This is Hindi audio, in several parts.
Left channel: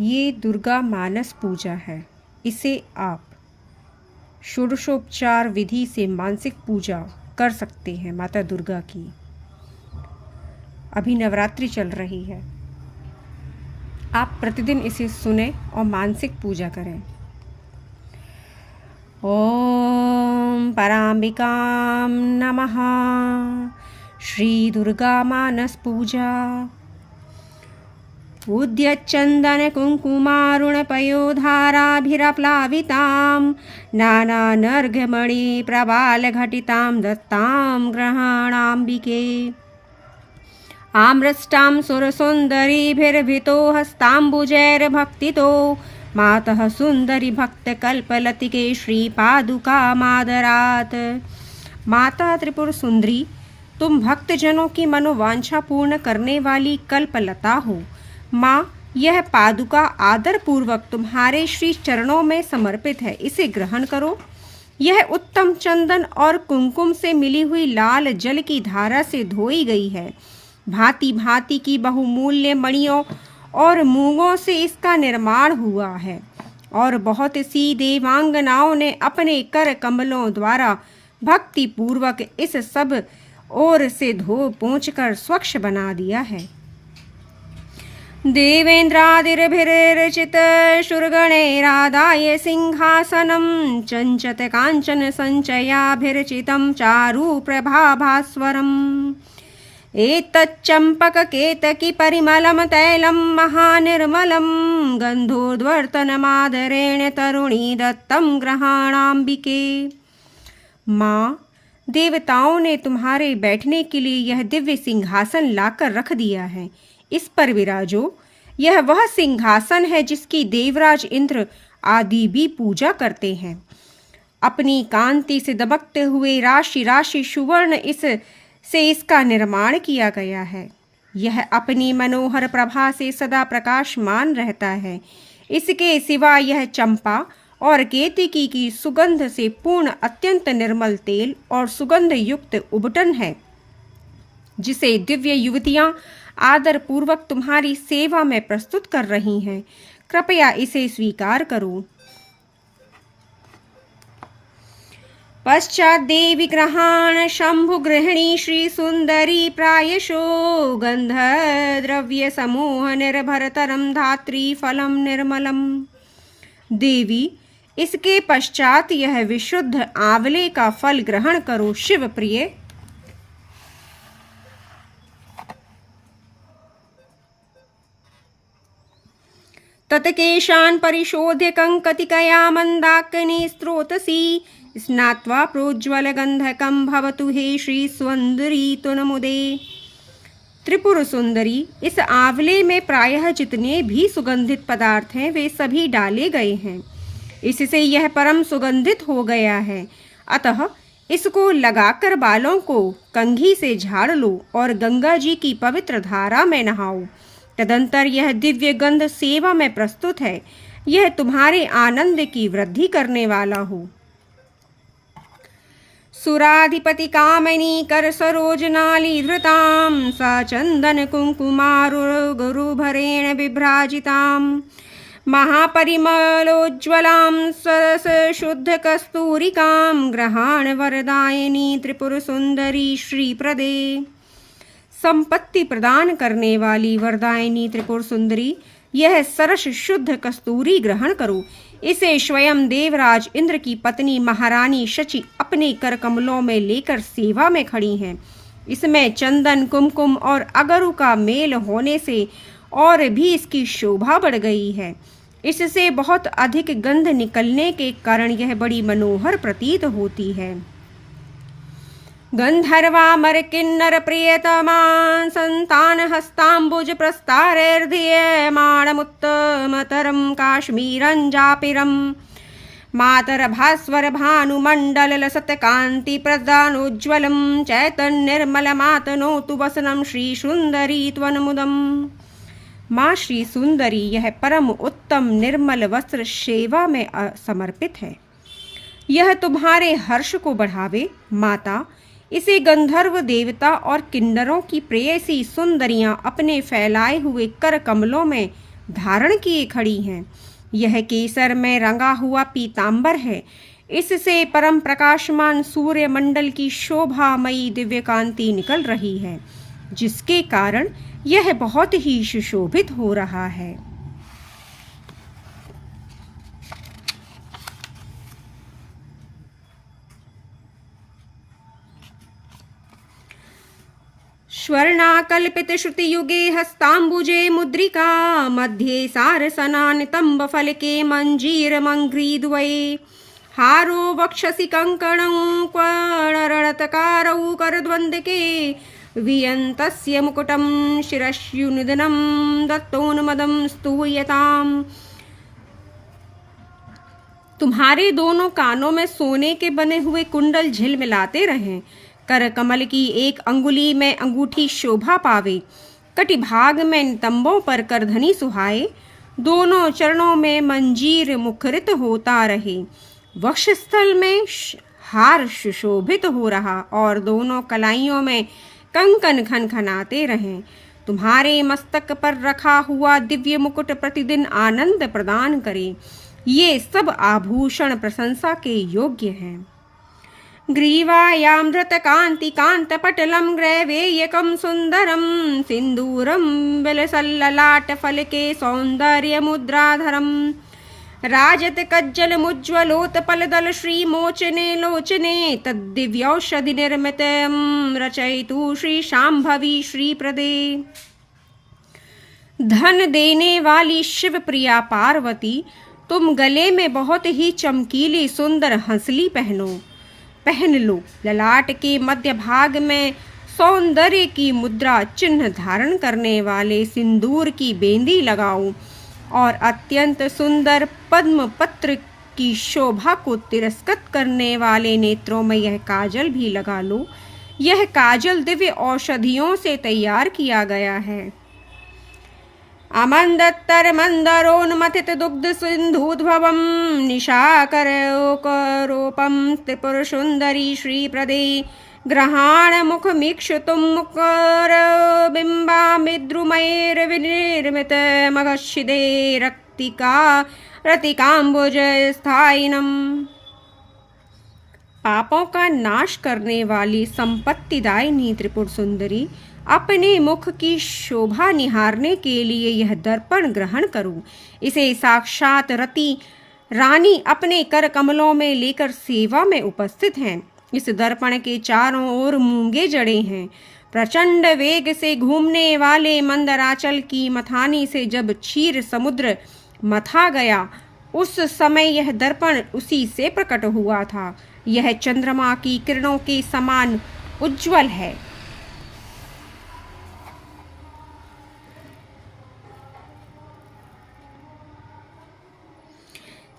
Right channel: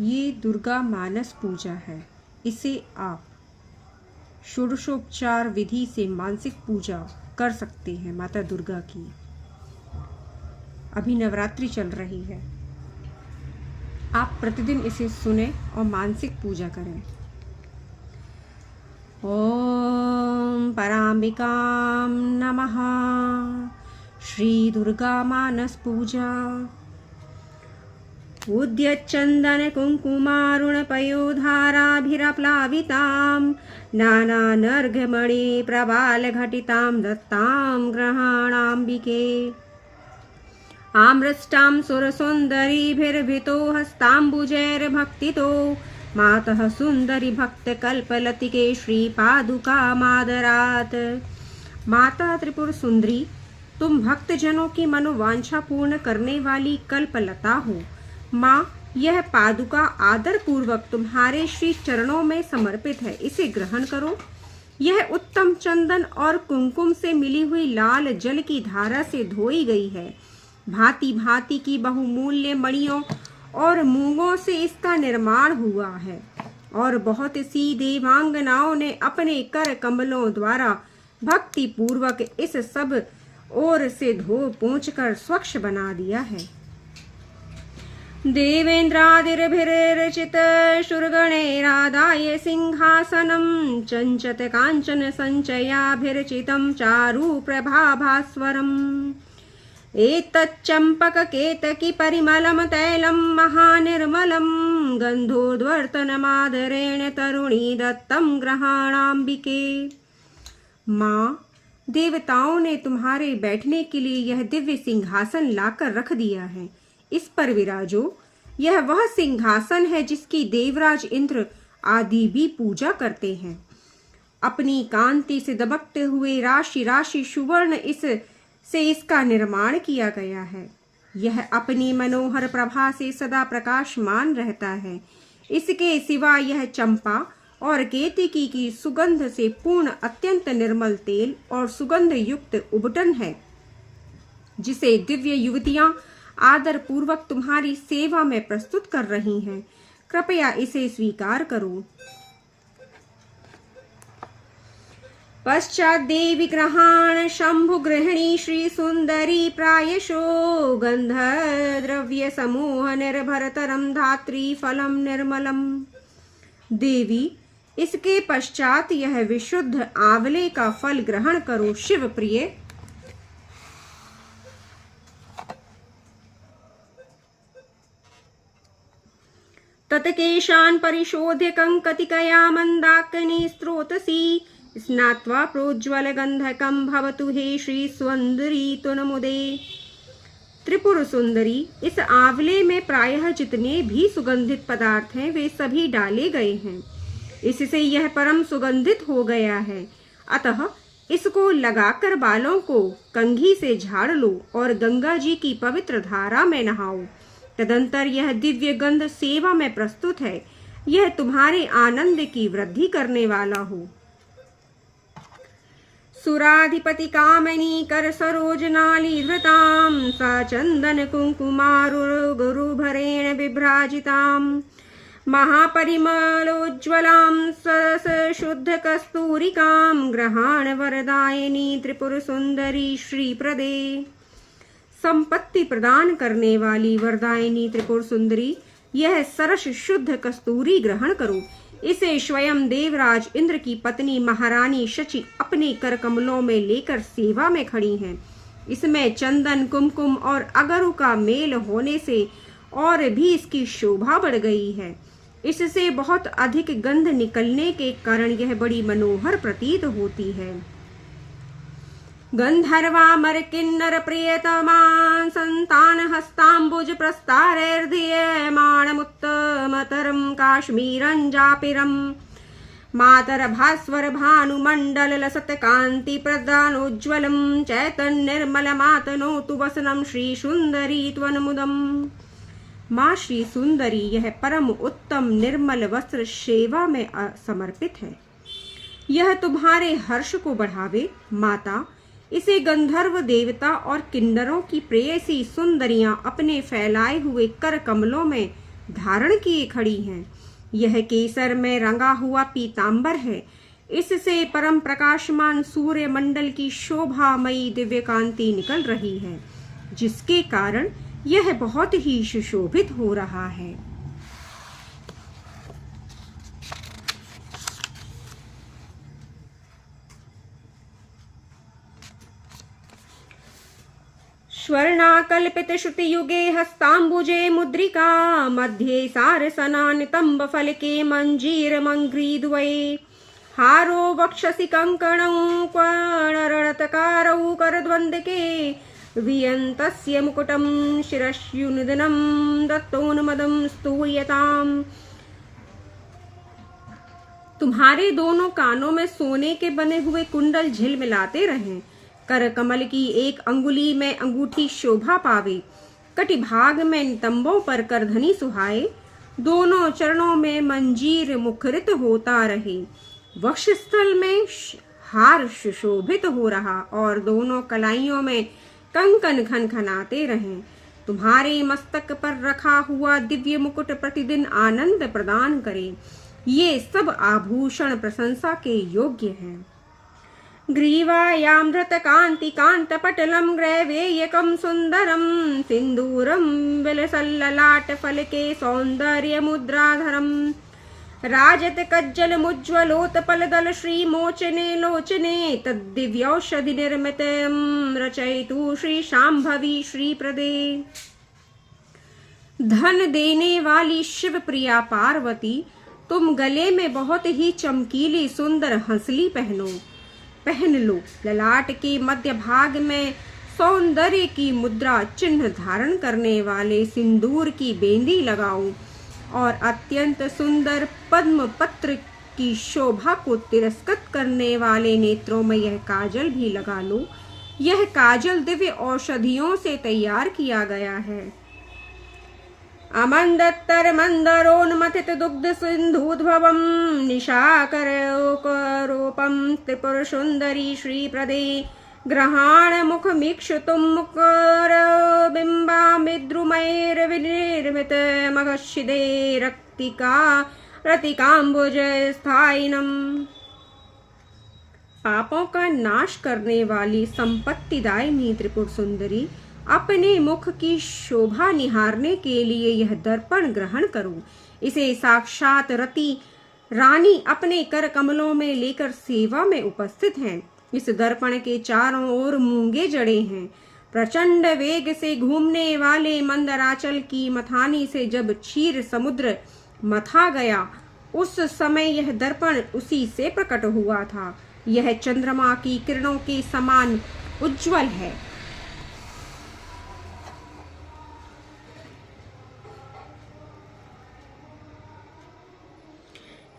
ये दुर्गा मानस पूजा है। इसे आप षोडशोपचार विधि से मानसिक पूजा कर सकते हैं माता दुर्गा की। अभी नवरात्रि चल रही है, आप प्रतिदिन इसे सुने और मानसिक पूजा करें। ओम पराम्बिकां नमः। श्री दुर्गा मानस पूजा। उद्यच्चन्दन कुङ्कुमारुण पयोधाराभिरप्लावितां नानानर्घमणि प्रबालघटितां दत्तां ग्रहणाम्बिके आम्रष्टां सुरसुन्दरीभिर्भितो हस्ताम्बुजैर्भक्तितो मातः सुन्दरी भक्तकल्पलतिके श्रीपादुकामादरात्। माता त्रिपुर सुंदरी, तुम भक्तजनों की मनोवांछा पूर्ण करने वाली कल्पलता हो। माँ, यह पादुका आदर पूर्वक तुम्हारे श्री चरणों में समर्पित है, इसे ग्रहण करो। यह उत्तम चंदन और कुमकुम से मिली हुई लाल जल की धारा से धोई गई है। भांति भांति की बहुमूल्य मणियों और मूंगों से इसका निर्माण हुआ है और बहुत सी देवांगनाओं ने अपने कर कमलों द्वारा भक्ति पूर्वक इस सब ओर से धो पोंछकर स्वच्छ बना दिया है। देवेन्द्रादिर्भिर्चित शूरगणैरादाय सिंहासनं चञ्चत काञ्चन सञ्चयाभिर्चितं चारु प्रभाभास्वरम् एतच्चम्पककेतकी परिमलं तैलं महानिर्मलं गन्धोद्वर्तनमादरेण तरुणी दत्तं ग्रहाणाम्बिके। माँ, देवताओं ने तुम्हारे बैठने के लिए यह दिव्य सिंहासन लाकर रख दिया है। इस पर विराजो। यह वह सिंहासन है जिसकी देवराज इंद्र आदि भी पूजा करते हैं। अपनी कांति से दबकते हुए राशि राशि सुवर्ण से इसका निर्माण किया गया है। यह अपनी मनोहर प्रभा से सदा प्रकाशमान रहता है। इसके सिवा यह चंपा और केतकी की सुगंध से पूर्ण अत्यंत निर्मल तेल और सुगंध युक्त उबटन है, जिसे दिव्य युवतियां आदर पूर्वक तुम्हारी सेवा में प्रस्तुत कर रही हैं। कृपया इसे स्वीकार करो। पश्चात देवी ग्रहाण शंभु गृहिणी श्री सुंदरी प्रायशो गंध द्रव्य समूह निर्भरतरम धात्री फलम निर्मलम। देवी, इसके पश्चात यह विशुद्ध आंवले का फल ग्रहण करो। शिव प्रिय, तत्केशान् परिशोध्य कंकतिकया मंदाकिनी स्रोतसी स्नात्वा प्रोज्वलगंधकं भवतु हे श्री सुंदरी तुनमुदे। त्रिपुर सुंदरी, इस आंवले में प्रायः जितने भी सुगंधित पदार्थ हैं वे सभी डाले गए हैं। इससे यह परम सुगंधित हो गया है। अतः इसको लगाकर बालों को कंघी से झाड़ लो और गंगा जी की पवित्र धारा में नहाओ। तदंतर यह दिव्य गंध सेवा में प्रस्तुत है। यह तुम्हारे आनंद की वृद्धि करने वाला हो। सुराधिपति कामिनी कर सरोजनाली धृतां सा चंदन कुंकुमारुण गुरुभरेण विभ्राजितां महापरिमलोज्ज्वलां सरस शुद्ध कस्तूरिकां ग्रहाण वरदायिनी त्रिपुर सुंदरी श्रीप्रदे। संपत्ति प्रदान करने वाली वरदायिनी त्रिपुर सुंदरी, यह सरस शुद्ध कस्तूरी ग्रहण करो। इसे स्वयं देवराज इंद्र की पत्नी महारानी शची अपने कर कमलों में लेकर सेवा में खड़ी हैं। इसमें चंदन, कुमकुम और अगरु का मेल होने से और भी इसकी शोभा बढ़ गई है। इससे बहुत अधिक गंध निकलने के कारण यह बड़ी मनोहर प्रतीत होती है। गंधर्वामर किन्नर प्रियतमा संतान हस्तांबुज प्रस्तारैर्धीयमाणमुत्तमतरं काश्मीरंजापिरं मातर भास्वर भानुमंडल लसत कांति प्रदानोज्ज्वलं चैतन्यर्मलमातनोतु वसनं श्री सुंदरी त्वन्मुदम्। माँ श्री सुंदरी, यह परम उत्तम निर्मल वस्त्र सेवा में समर्पित है। यह तुम्हारे हर्ष को बढ़ावे। माता, इसे गंधर्व देवता और किन्नरों की प्रेयसी सुंदरियां अपने फैलाए हुए कर कमलों में धारण किए खड़ी हैं। यह केसर में रंगा हुआ पीतांबर है। इससे परम प्रकाशमान सूर्य मंडल की शोभामयी दिव्य कांति निकल रही है, जिसके कारण यह बहुत ही सुशोभित हो रहा है। स्वर्णाकल्पित श्रुतियुगे हस्ताम्बुजे मुद्रिका मध्ये सारसनानितम्ब फलके मंजीर मंग्रीद्वये हारो वक्षसि कंकणं क्वाणरणतकारौ करद्वन्द्के वियन्तस्य मुकुटं शिरस्युनिधनं दत्तोन्मदं स्तूयताम्। तुम्हारे दोनों कानों में सोने के बने हुए कुंडल झिलमिलाते रहें। कर कमल की एक अंगुली में अंगूठी शोभा पावे। कटिभाग में नितंबों पर करधनी सुहाए। दोनों चरणों में मंजीर मुखरित होता रहे। वक्षस्थल में हार सुशोभित हो रहा और दोनों कलाइयों में कंकन खनखनाते रहें। तुम्हारे मस्तक पर रखा हुआ दिव्य मुकुट प्रतिदिन आनंद प्रदान करे। ये सब आभूषण प्रशंसा के योग्य हैं। ग्रीवायामृत कांति कांत पटलम ग्रैवेयकं सुंदरम सिंदूरम विलसल्ललाट फलके सौंदर्य मुद्राधरम राजत कज्जल मुज्ज्वलोत्पल दल श्री मोचने लोचने तद्दिव्यौषधि निर्मितं रचयितु श्री शांभवी श्री प्रदे। धन देने वाली शिव प्रिया पार्वती, तुम गले में बहुत ही चमकीली सुंदर हंसली पहन लो। ललाट के मध्य भाग में सौंदर्य की मुद्रा चिन्ह धारण करने वाले सिंदूर की बेंदी लगाओ और अत्यंत सुंदर पद्म पत्र की शोभा को तिरस्कृत करने वाले नेत्रों में यह काजल भी लगा लो। यह काजल दिव्य औषधियों से तैयार किया गया है। अमंदत्तर मंदरोन्मथित दुग्ध सिंधुद्भवम निशाकरोपम त्रिपुर सुंदरी श्री प्रदे ग्रहाण मुख मीक्षुतुम मुकर बिंबामिद्रुमैर्विनिर्मित मगशिदे रतिकांबुज स्थायिनम। पापों का नाश करने वाली संपत्तिदायिनी त्रिपुर सुंदरी, अपने मुख की शोभा निहारने के लिए यह दर्पण ग्रहण करो। इसे साक्षात रति रानी अपने कर कमलों में लेकर सेवा में उपस्थित हैं। इस दर्पण के चारों ओर मूंगे जड़े हैं। प्रचंड वेग से घूमने वाले मंदराचल की मथानी से जब क्षीर समुद्र मथा गया, उस समय यह दर्पण उसी से प्रकट हुआ था। यह चंद्रमा की किरणों के समान उज्जवल है।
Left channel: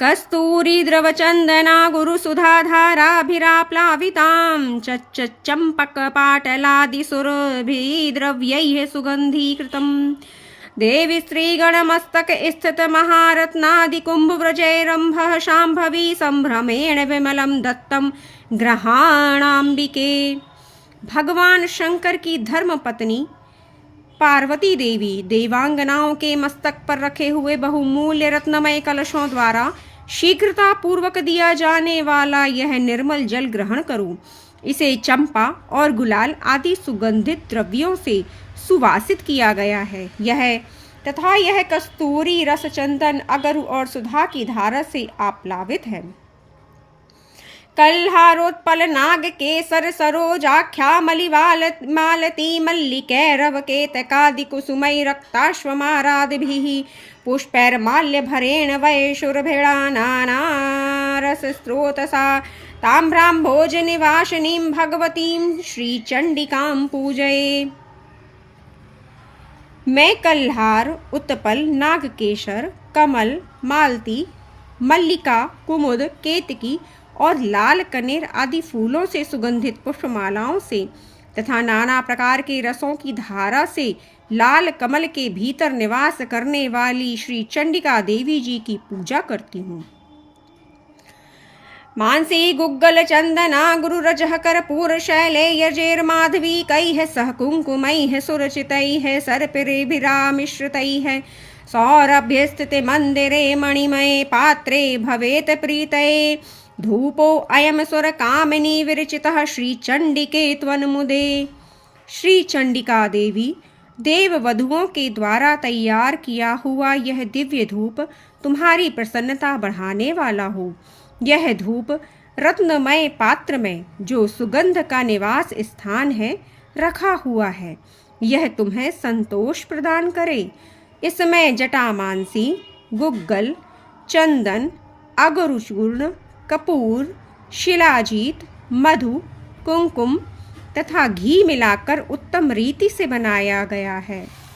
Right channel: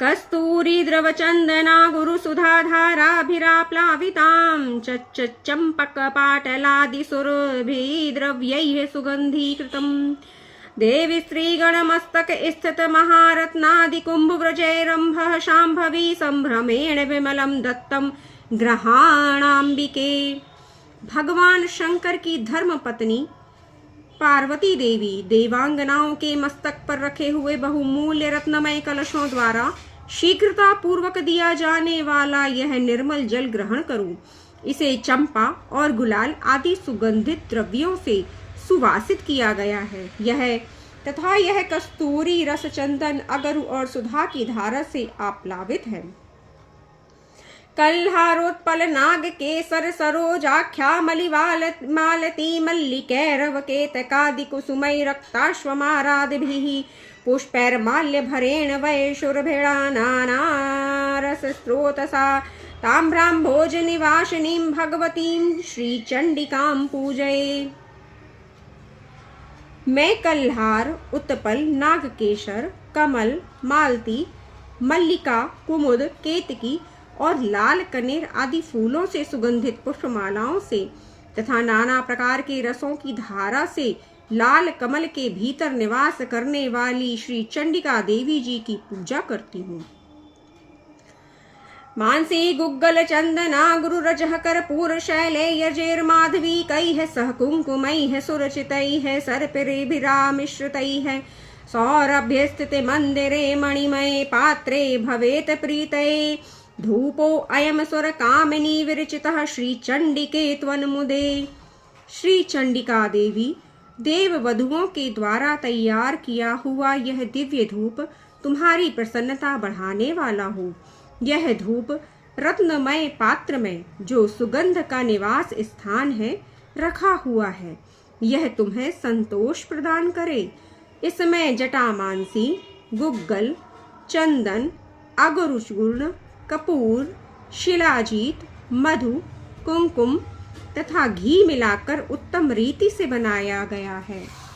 कस्तूरी द्रव चंदना गुरु सुधाधाराभिराप्लावितां चंपक पाटलादि सुरभि द्रव्यैः सुगंधीकृतम्। देवी स्त्रीगणमस्तक स्थित महारत्नादि कुंभव्रजैरंभः शांभवी संभ्रमेण विमलं दत्तं ग्रहाणाम्बिके। भगवान शंकर की धर्म पत्नी पार्वती देवी देवांगनाओं के मस्तक पर रखे हुए बहुमूल्य रत्नमय कलशों द्वारा शीघ्रता पूर्वक दिया जाने वाला यह निर्मल जल ग्रहण करो। इसे चंपा और गुलाल आदि सुगंधित द्रव्यों से सुवासित किया गया है। यह कस्तूरी रस चंदन अगरु और सुधा की धारा से आप्लावित है। कल्हारोत्पल नाग केसर सरोजाख्या मालती मल्लिकैरव केतकादि कुसुमै रक्ताश्वमारादिभिः पुष्पैर्माल्य भरेण वैशुरभिडानानारस स्रोतसा ताम्राम्भोज निवासिनीं भगवतीं श्रीचंडिकां पूजये। मैं कल्हार, उत्पल, नागकेशर, कमल, मालती, मल्लिका, कुमुद, केतकी और लाल कनेर आदि फूलों से सुगंधित पुष्पमालाओं से तथा नाना प्रकार के रसों की धारा से लाल कमल के भीतर निवास करने वाली श्री चंडिका देवी जी की पूजा करती हूँ। मानसी गुग्गल चंदना गुरु रजह कर्पूर शैलेयर्जेर्माधवी कैः सह कुंकुमैः सुरचितैः सर्पिरेभिरामिश्रितैः सौरभ्यस्थिते मंदिरे मणिमये पात्रे भवेत प्रीतये धूपो अयम सुर कामिनी विरचितः श्री चंडिके त्वन्मुदे। श्री चंडिका देवी, देव वधुओं के द्वारा तैयार किया हुआ यह दिव्य धूप तुम्हारी प्रसन्नता बढ़ाने वाला हो। यह धूप रत्नमय पात्र में, जो सुगंध का निवास स्थान है, रखा हुआ है। यह तुम्हें संतोष प्रदान करे। इसमें जटामांसी, गुग्गल, चंदन, अगरुचूर्ण, कपूर, शिलाजीत, मधु, कुमकुम तथा घी मिलाकर उत्तम रीति से बनाया गया है।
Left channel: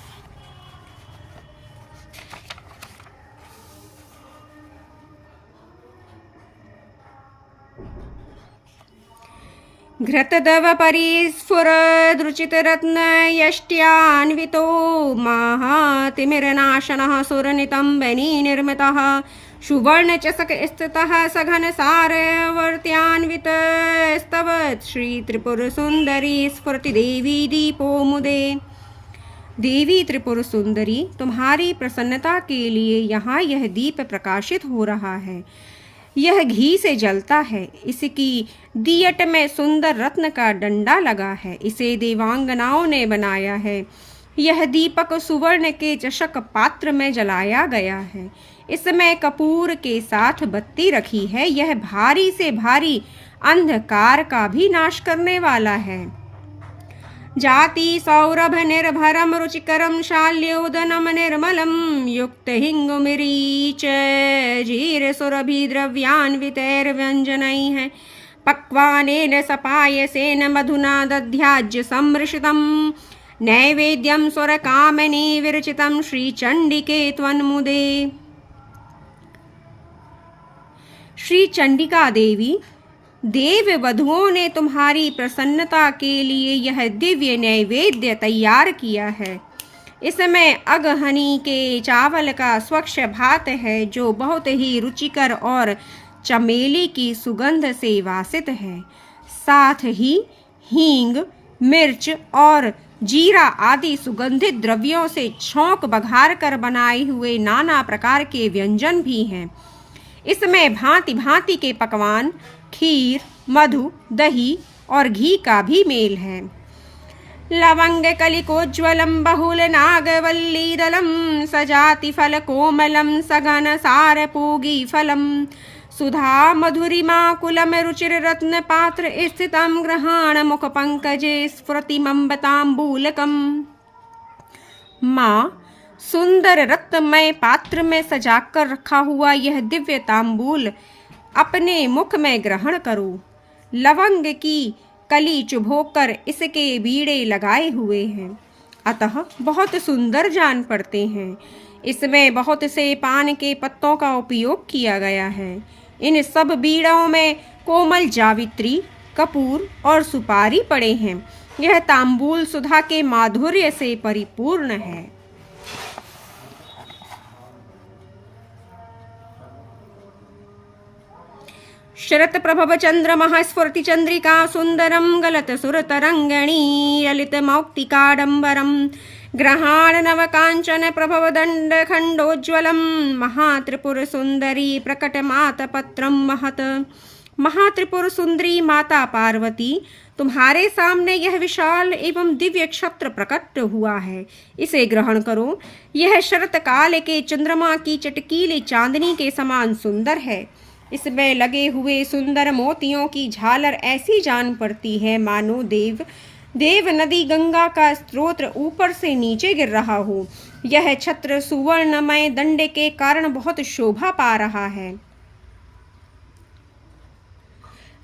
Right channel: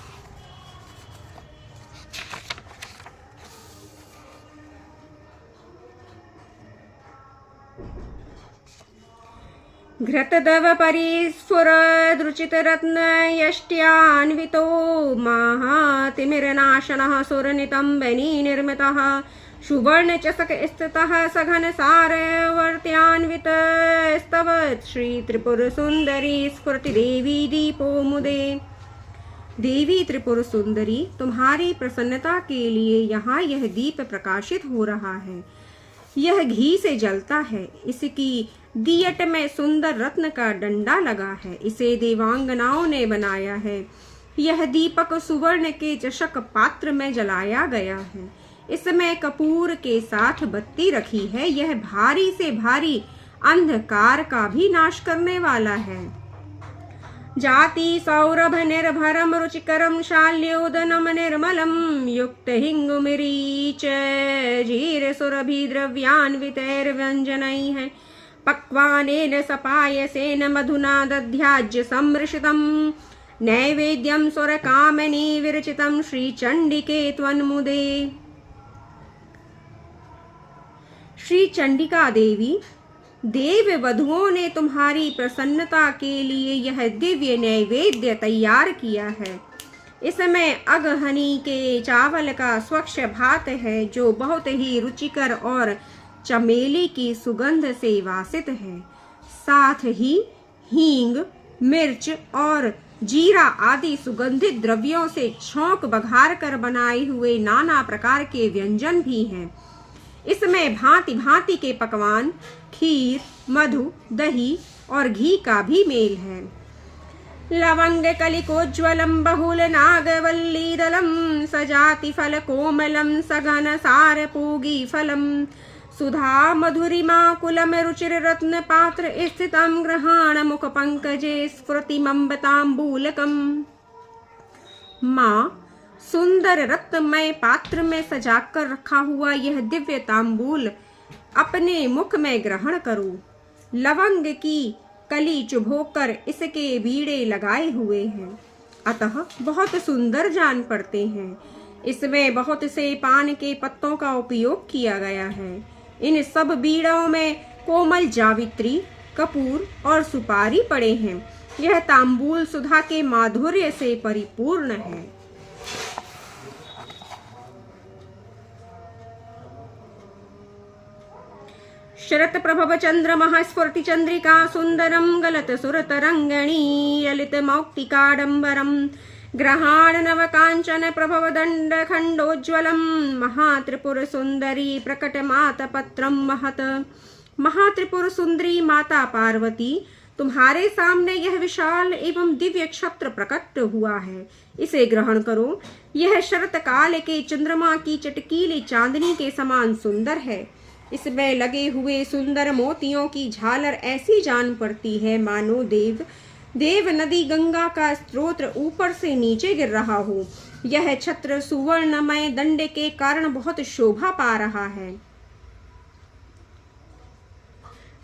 घृतदव परिस्फुरदृचित रत्न यष्ट्यान्वितो महातिमिरनाशनः सुरनितम्बनी निर्मितः सुवर्ण चषक स्थितः सघन सारवर्त्यान्वित स्तवत् श्री त्रिपुर सुंदरी स्फुरति देवी दीपो मुदे। देवी त्रिपुर सुंदरी, तुम्हारी प्रसन्नता के लिए यहाँ यह दीप प्रकाशित हो रहा है। यह घी से जलता है। इसकी दियट में सुंदर रत्न का डंडा लगा है। इसे देवांगनाओं ने बनाया है। यह दीपक सुवर्ण के चषक पात्र में जलाया गया है। इसमें कपूर के साथ बत्ती रखी है। यह भारी से भारी अंधकार का भी नाश करने वाला है। जाति सौरभ निर्भरम रुचिकरम शाल्योदनम निर्मलम युक्त हिंगुमिरीच जीर सुरभि द्रव्यान्वितैर्व्यंजनैः पक्वानेन सपायसेन मधुना दध्याज्य सम्मृशितं नैवेद्यं सुरकामिनी विरचितं श्रीचंडिके त्वन्मुदे। श्री चंडिका देवी, देव वधुओं ने तुम्हारी प्रसन्नता के लिए यह दिव्य नैवेद्य तैयार किया है। इसमें अगहनी के चावल का स्वच्छ भात है, जो बहुत ही रुचिकर और चमेली की सुगंध से वासित है। साथ ही हींग, मिर्च और जीरा आदि सुगंधित द्रव्यों से छौंक बघार कर बनाए हुए नाना प्रकार के व्यंजन भी हैं। इसमें भांति भांति के पकवान, खीर, मधु, दही और घी का भी मेल है। लवंग कलिकोज्ज्वलम बहुल नागवल्ली दलम सजाति फल कोमलम सघन सार पूगी फलम सुधा मधुरिमा कुलम रुचिर रत्न पात्र स्थितम ग्रहण मुख पंकजे स्फुरतिमंबतांबूलकम। माँ, सुंदर रत्नमय पात्र में सजाकर रखा हुआ यह दिव्य तांबूल अपने मुख में ग्रहण करो। लवंग की कली चुभोकर इसके बीड़े लगाए हुए हैं, अतः बहुत सुंदर जान पड़ते हैं। इसमें बहुत से पान के पत्तों का उपयोग किया गया है। इन सब बीड़ों में कोमल जावित्री, कपूर और सुपारी पड़े हैं। यह तांबूल सुधा के माधुर्य से परिपूर्ण है। शरत प्रभव चंद्रमः स्फुरति चंद्रिका सुंदरम गलत सुरतरंगणी ललित मौक्तिकाडंबरम ग्रहाण नव कांचन प्रभव दंड खंडोज्ज्वलम महात्रिपुर सुंदरी प्रकट मात पत्रम महत। महात्रिपुर सुंदरी माता पार्वती, तुम्हारे सामने यह विशाल एवं दिव्य क्षत्र प्रकट हुआ है। इसे ग्रहण करो। यह शरत काल के चंद्रमा की चटकीली चांदनी के समान सुंदर है। इसमें लगे हुए सुंदर मोतियों की झालर ऐसी जान पड़ती है मानो देव नदी गंगा का स्रोत ऊपर से नीचे गिर रहा हो। यह छत्र सुवर्णमय दंड के कारण बहुत शोभा पा रहा है।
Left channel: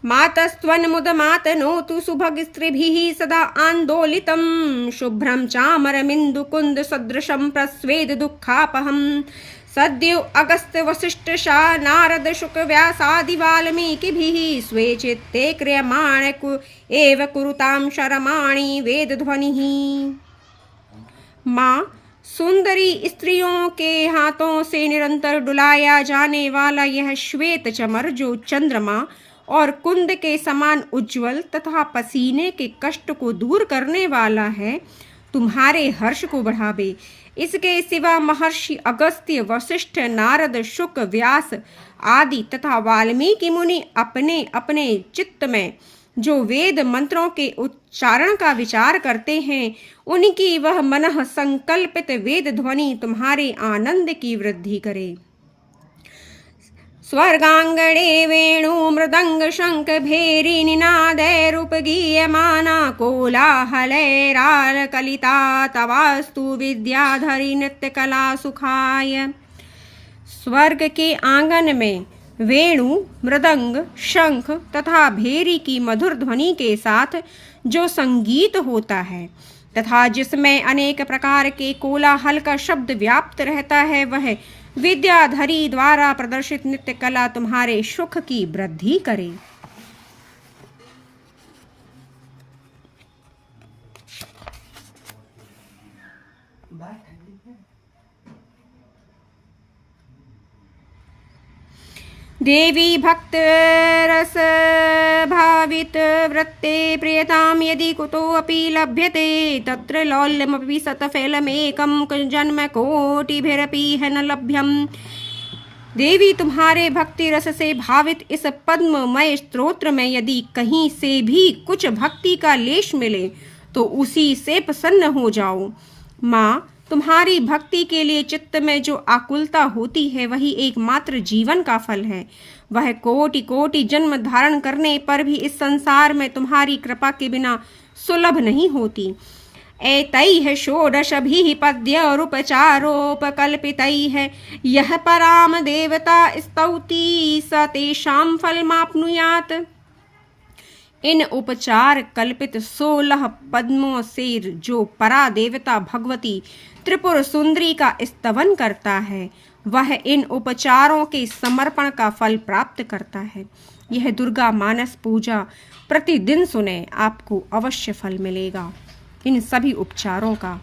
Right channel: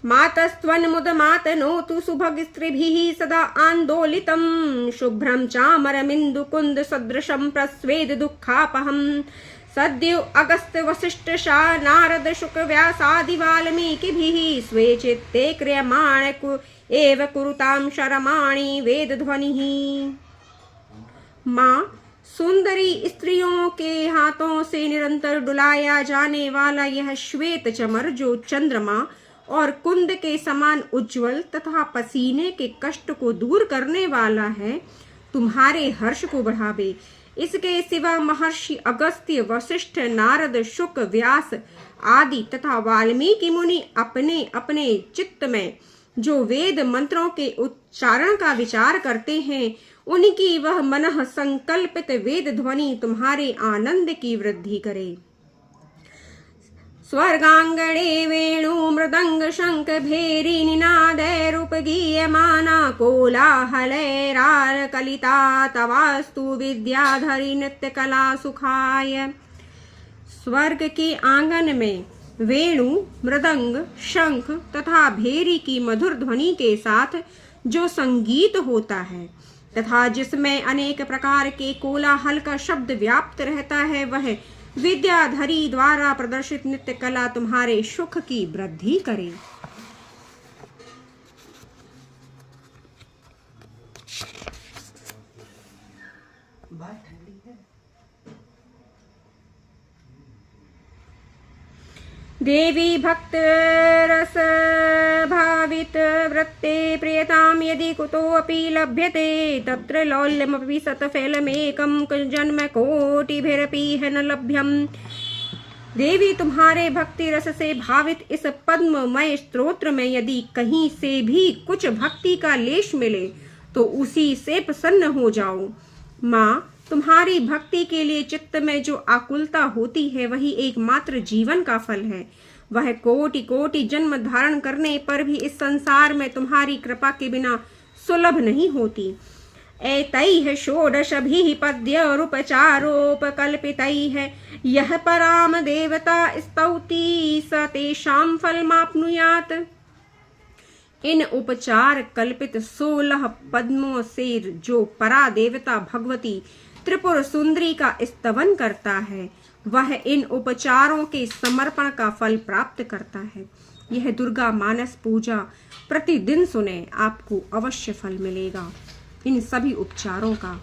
मातस्त्वन्मुदमातनोतु सुभगस्त्रिभिः सदा आन्दोलितं शुभ्रं चामरमिन्दुकुन्द सदृशं प्रस्वेद दुःखापहं सद्यो अगस्त वसिष्ठ शा नारद शुक व्यासादि वाल्मीकिभिः स्वे चित्ते क्रियमाण एव कुरुतां शरमाणि वेद ध्वनिः। माँ, सुंदरी स्त्रियों के हाथों से निरंतर डुलाया जाने वाला यह श्वेत चमर, जो चंद्रमा और कुंद के समान उज्जवल तथा पसीने के कष्ट को दूर करने वाला है, तुम्हारे हर्ष को बढ़ावे। इसके सिवा महर्षि अगस्त्य, वशिष्ठ, नारद, शुक, व्यास आदि तथा वाल्मीकि मुनि अपने अपने चित्त में जो वेद मंत्रों के उच्चारण का विचार करते हैं, उनकी वह मनः संकल्पित वेद ध्वनि तुम्हारे आनंद की वृद्धि करे। स्वर्गांगणे वेणु मृदंग शंख भेरी निनादैरुपगीयमाना कोलाहलैराल कलिता तवास्तु विद्याधरी नृत्य कला सुखाय। स्वर्ग के आंगन में वेणु, मृदंग, शंख तथा भेरी की मधुर ध्वनि के साथ जो संगीत होता है तथा जिसमें अनेक प्रकार के कोलाहल का शब्द व्याप्त रहता है, वह विद्याधरी द्वारा प्रदर्शित नृत्य कला तुम्हारे सुख की वृद्धि करे। देवी भक्त रस भावित वृत्ते प्रियताम यदि कुतोऽपि लभ्यते तत्र लौल्यमपि शतफलमेकं जन्म कोटिभिरपि न लभ्यम। देवी, तुम्हारे भक्ति रस से भावित इस पद्ममय स्तोत्र में यदि कहीं से भी कुछ भक्ति का लेश मिले तो उसी से प्रसन्न हो जाओ। माँ, तुम्हारी भक्ति के लिए चित्त में जो आकुलता होती है वही एकमात्र जीवन का फल है। वह कोटि कोटि जन्म धारण करने पर भी इस संसार में तुम्हारी कृपा के बिना सुलभ नहीं होती। एतैः षोडशभिः पद्योपचारोपकल्पितैः यः पराम देवता स्तौति स तेषां फलमाप्नुयात्। इन उपचार कल्पित 16 पद्मों से जो परा देवता भगवती त्रिपुर सुंदरी का स्तवन करता है, वह इन उपचारों के समर्पण का फल प्राप्त करता है। यह दुर्गा मानस पूजा प्रतिदिन सुने, आपको अवश्य फल मिलेगा। इन सभी उपचारों का